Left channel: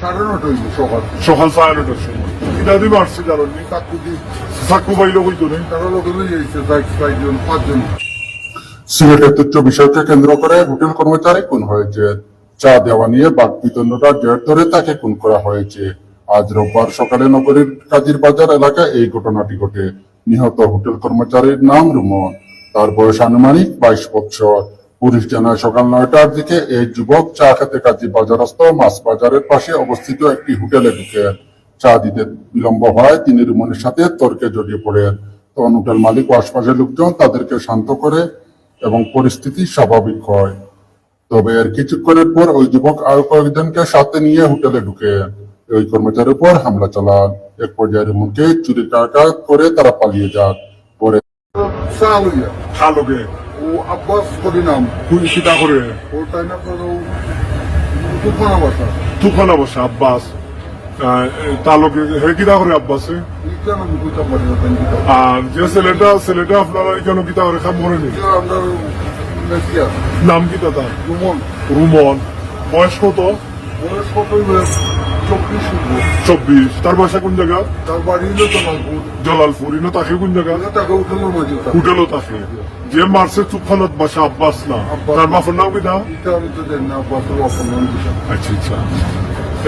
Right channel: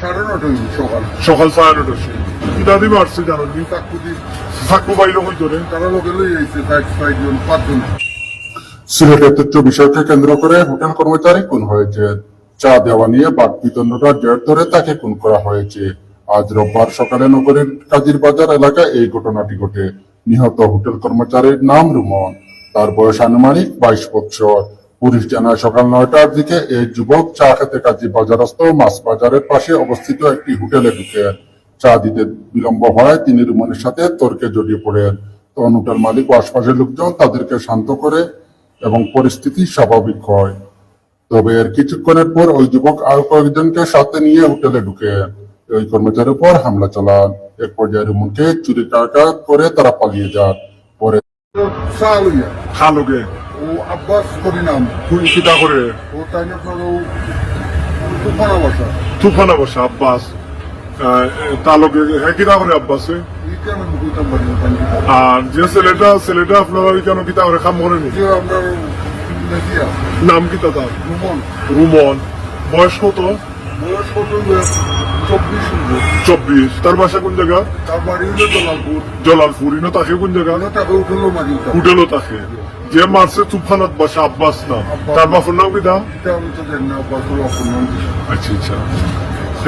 সাড়ে নটা হইল সকাল। সকাল সাড়ে নটার সময়। এটা দিয়ে মারছে জানো চাকু পাইলো কই তোরে? তারা লোকে লই যাইছে বাইক ছয়জন পাঁচজন। সিলেটের তুচ্ছ বিষয়কে কেন্দ্র করে হোটেল কর্মচারী খুন হয়েছে। চা দেওয়া নিয়ে জের ধরে তাকে খুন করা হয়েছে। আজ রোববার সকালে নগরীর কাজীর বাজার এলাকায় এই ঘটনাটি ঘটে। নিহত হোটেল কর্মচারীর নাম রুমন। তার বয়স আনুমানিক বাইশ বছর। পুলিশ জানায় সকাল নয়টার দিকে এই যুবক চা খেতে কাজী বাজারস্থ মাছ বাজারের পাশে অবস্থিত একটি হোটেলে ঢুকেন চা দিতে বিলম্ব হয়। তিনি রুমনের সাথে তর্কে জড়িয়ে পড়েন। তখন হোটেল মালিক ও আশপাশের লোকজন তাদেরকে শান্ত করে এবং পরিস্থিতি স্বাভাবিক হয়। তবে এর কিছুক্ষণের পর ওই যুবক আরও কয়েকজনকে সাথে নিয়ে হোটেলে ঢুকে। ওই কর্মচারীর উপর হামলা চালান। এক পর্যায়ে রুমনকে চুরি টাকা করে তারা পালিয়ে যান। পরে খালোকে আব্বাস করি নাম খুন সিধা করে তাই না আপনার উপরা বসা। তুফান অবশ্য আব্বাস। তালকে করে আর যে ছেলেটা ছেলেটা আপনার কেন কিতা করে খাম করে নি নাম কি দাদা রুমন। রুমন। বয়স কত? বয়স কত? চব্বিশ। চব্বিশ। তার বাসা কোন জায়গা? তার বাড়ি হলো জলালপুর ইনো তাকে কোন জায়গা হোটেলও থাকে যে মারছে তুফানত বাসা আব্বাস না। তার বাপের নাম না পাশে আচ্ছা আচ্ছা।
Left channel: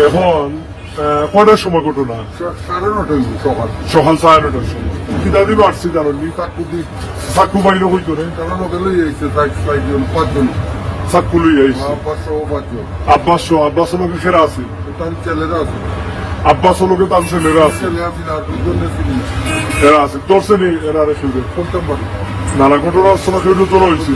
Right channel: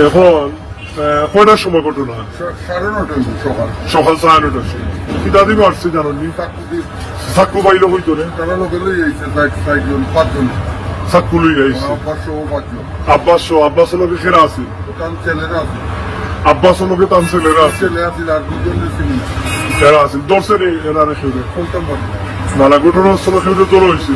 এখন কয়টার সময় ঘটনা? সাড়ে নটা সকাল। সকাল সাড়ে নটার সময়। কিতা দিবে আসছে জানো? নি কাকুদি চাকু পাইলো কই তোরে তারা লোকে লই যাইছে বাইক ছয়জন পাঁচজন। চাকু লই আইছে পাঁচশো পাঁচজন। আব্বাস সহ আব্বাস লোকে খেলা আছে? ছেলেরা আছে। আব্বাস লোকে তার ছেলেরা আছে ছেলে আছে আর দুজন ছিল এরা আছে ধরছে নি এরা রেখে দে শুনতাম পারি নানা ঘটনাস্থলে কেউ তোর হয়েছে